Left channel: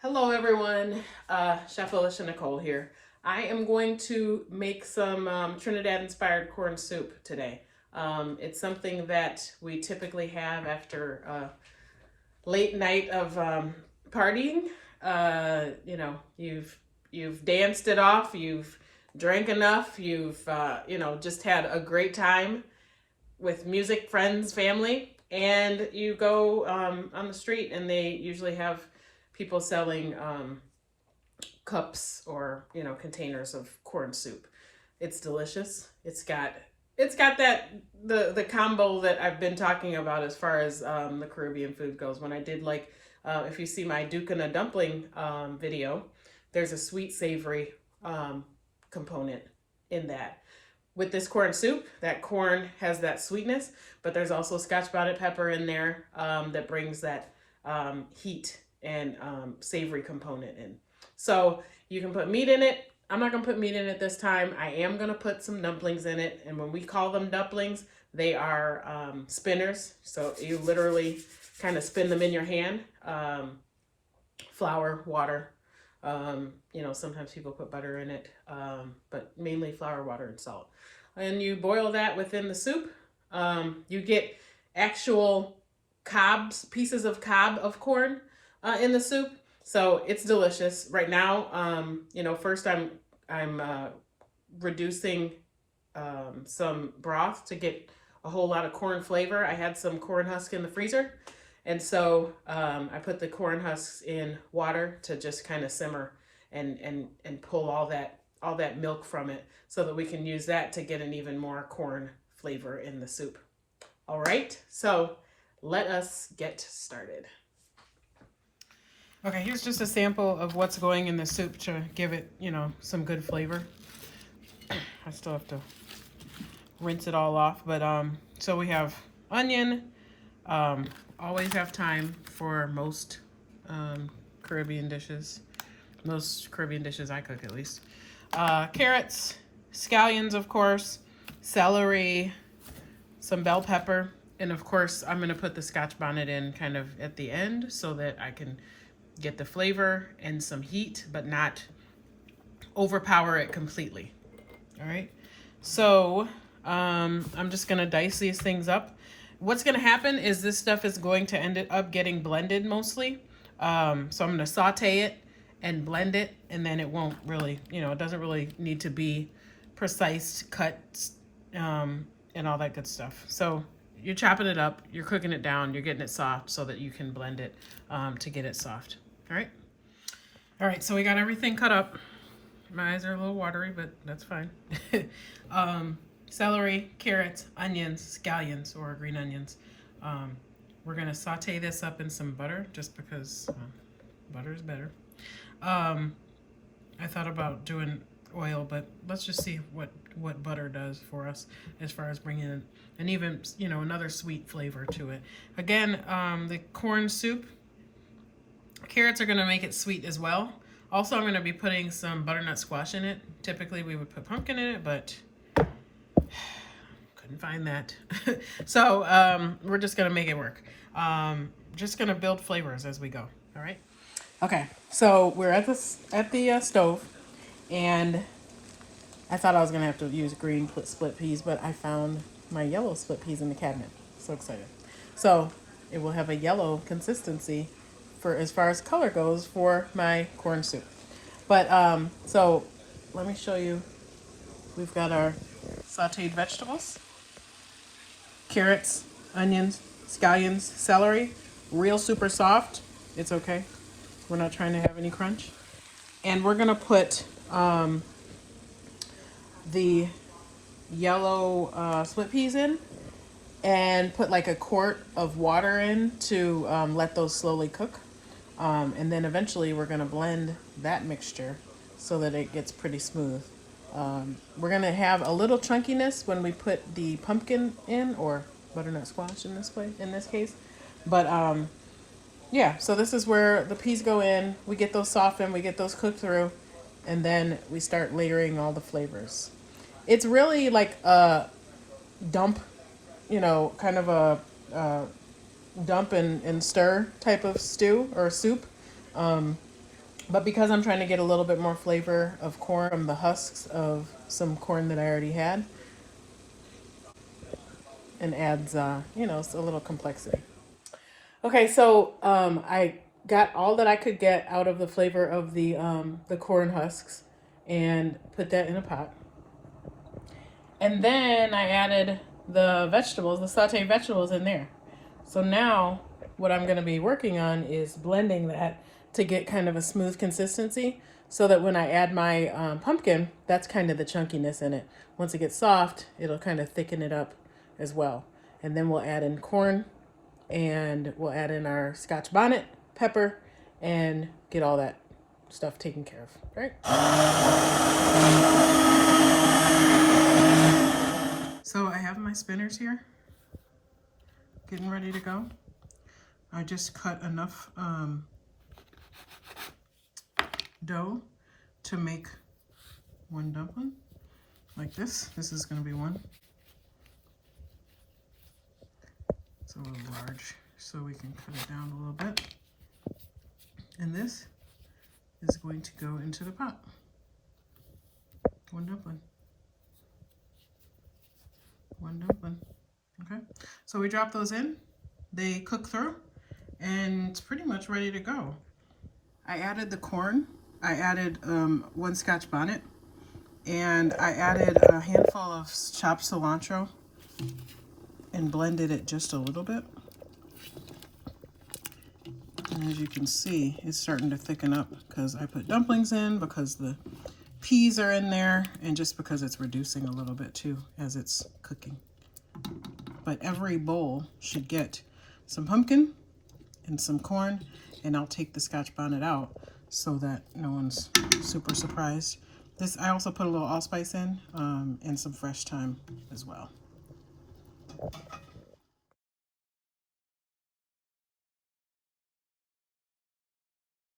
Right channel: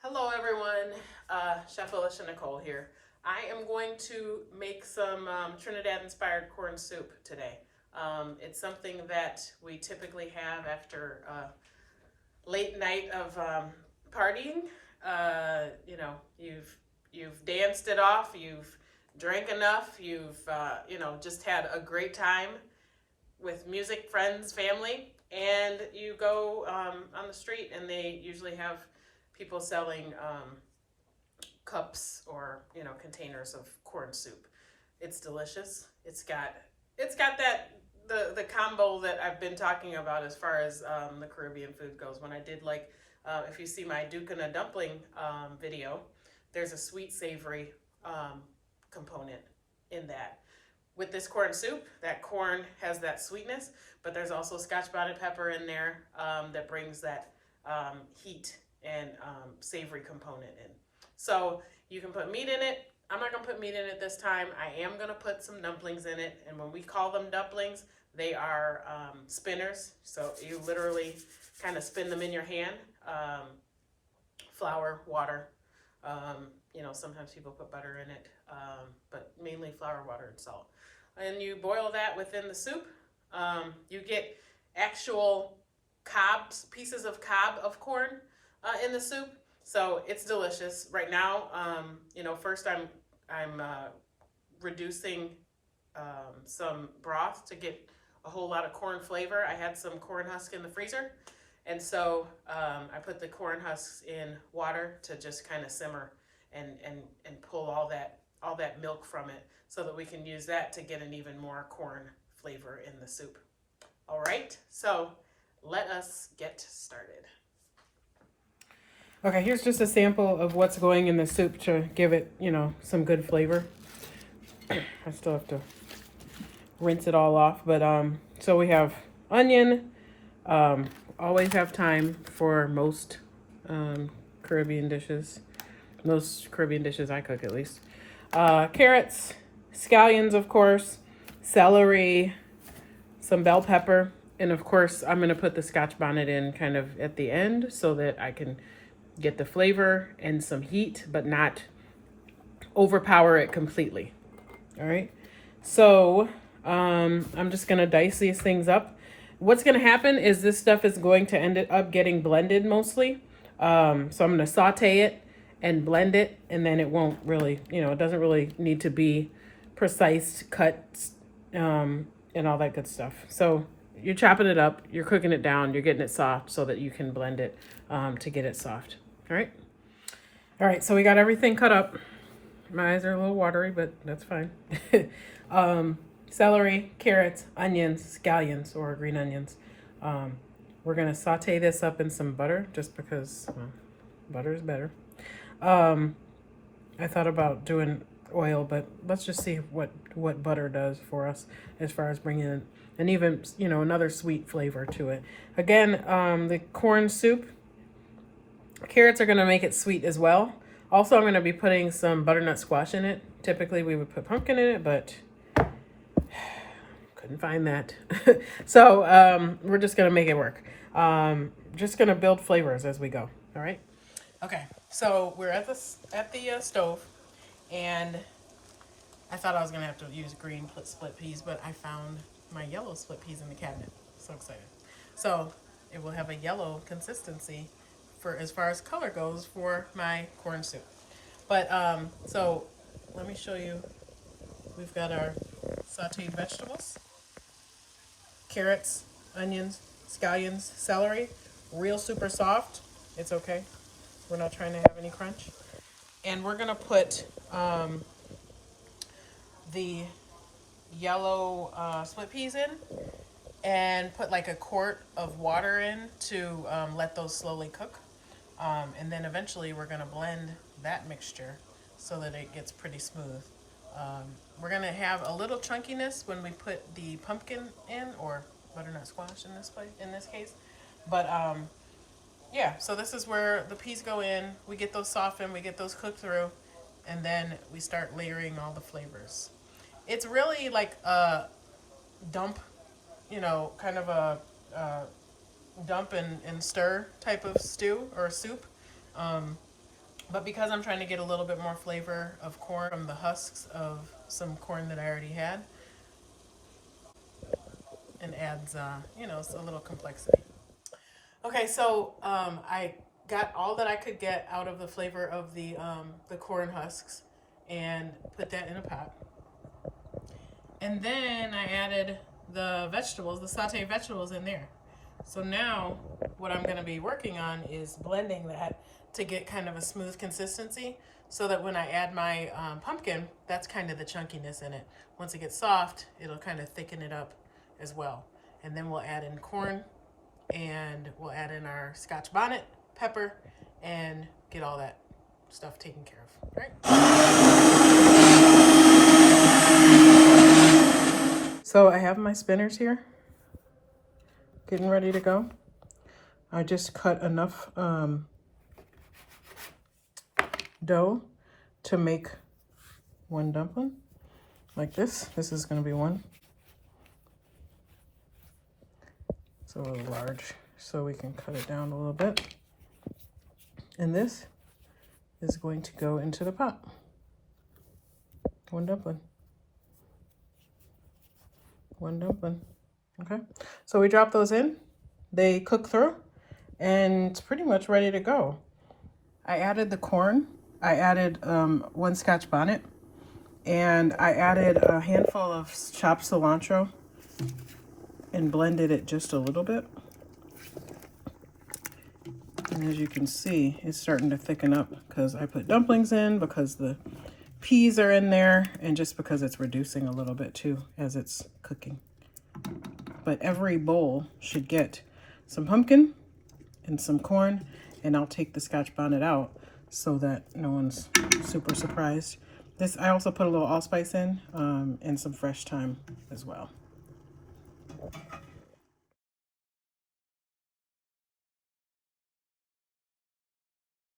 Hello everyone, Chef Alycia Nicole here. I am going to make some Trinidad inspired corn soup today. It's something that we typically have after a late night of partying. You've danced it off, you've drank enough, you've just had a great time with music, friends, family, and you go on the street, and they usually have people selling cups or containers of corn soup. It's delicious. It's got that the combo that I've been talking about as far as the Caribbean food goes. When I did if you see my Ducana dumpling video, there's a sweet savory component in that. With this corn soup, that corn has that sweetness, but there's also scotch bonnet pepper in there that brings that heat and savory component in. So you can put meat in it. I'm not going to put meat in it this time. I am going to put some dumplings in it. And when we call them dumplings, they are spinners. So you literally kind of spin them in your hand. Flour, water. Sometimes people put butter in it, but mainly flour, water, and salt. And you boil that within the soup. You get actual cobs, pieces of cob of corn in the soup. So it's delicious. Right now, first I'm reducing some broth to get a whole lot of corn flavor. I had some corn husk in the freezer, and so I put the corn husks in water to just kind of simmer and pull all that milk from it, so that we can use that to get an even more corn flavor in the soup. All right, so let us get started. Okay, here's just a sample of what's going in the soup to give it, some good flavor. I still have to rinse it all off, but so we have onion. Always have time for most Caribbean dishes. Most Caribbean dishes I cook, at least. Carrots, scallions, of course, celery, some bell pepper, and of course I'm going to put the scotch bonnet in kind of at the end so that I can get the flavor and some heat, but not overpower it completely. All right, so I'm just going to dice these things up. What's going to happen is this stuff is going to end up getting blended mostly. So I'm going to saute it and blend it, and then it won't really, it doesn't really need to be precise cuts and all that good stuff. So you're chopping it up, you're cooking it down, you're getting it soft so that you can blend it to get it soft. All right. All right, so we got everything cut up. My eyes are a little watery, but that's fine. Celery, carrots, onions, scallions, or green onions. We're going to saute this up in some butter just because butter is better. I thought about doing oil, but let's just see what butter does for us as far as bringing in and even, another sweet flavor to it. Again, the corn soup, carrots are going to make it sweet as well. Also, I'm going to be putting some butternut squash in it. Typically, we would put pumpkin in it, but couldn't find that. So we're just going to make it work. Just going to build flavors as we go. All right. Okay. So we're at the stove, and I thought I was going to have to use green split peas, but I found my yellow split peas in the cabinet. So excited. So it will have a yellow consistency for as far as color goes for my corn soup. But so let me show you. We've got our sauteed vegetables, carrots, onions, scallions, celery, real super soft. It's okay. We're not trying to have any crunch. And we're going to put the yellow split peas in and put like a quart of water in to let those slowly cook. And then eventually we're going to blend that mixture so that it gets pretty smooth. We're going to have a little chunkiness when we put the pumpkin in, or butternut squash in this case. But yeah, so this is where the peas go in. We get those softened, we get those cooked through, and then we start layering all the flavors. It's really like a dump, kind of a dump and stir type of stew or soup. But because I'm trying to get a little bit more flavor of corn from the husks of some corn that I already had, and adds, you know, a little complexity. Okay, so I got all that I could get out of the flavor of the corn husks and put that in a pot. And then I added the vegetables, the sauteed vegetables in there. So now what I'm going to be working on is blending that to get kind of a smooth consistency so that when I add my pumpkin, that's kind of the chunkiness in it. Once it gets soft, it'll kind of thicken it up as well. And then we'll add in corn and we'll add in our scotch bonnet, pepper, and get all that stuff taken care of, right? So I have my spinners here, getting ready to go. I just cut enough dough to make one dumpling, like this. This is gonna be one. It's a little large, so we can cut it down a little bit. And this is going to go into the pot. One dumpling. One dumpling. Okay, so we drop those in. They cook through, and it's pretty much ready to go. I added the corn. I added one scotch bonnet, and I added a handful of chopped cilantro and blended it just a little bit. And as you can see, it's starting to thicken up because I put dumplings in, because the peas are in there, and just because it's reducing a little bit too as it's cooking. But every bowl should get some pumpkin and some corn, and I'll take the scotch bonnet out so that no one's super surprised. This, I also put a little allspice in and some fresh thyme as well.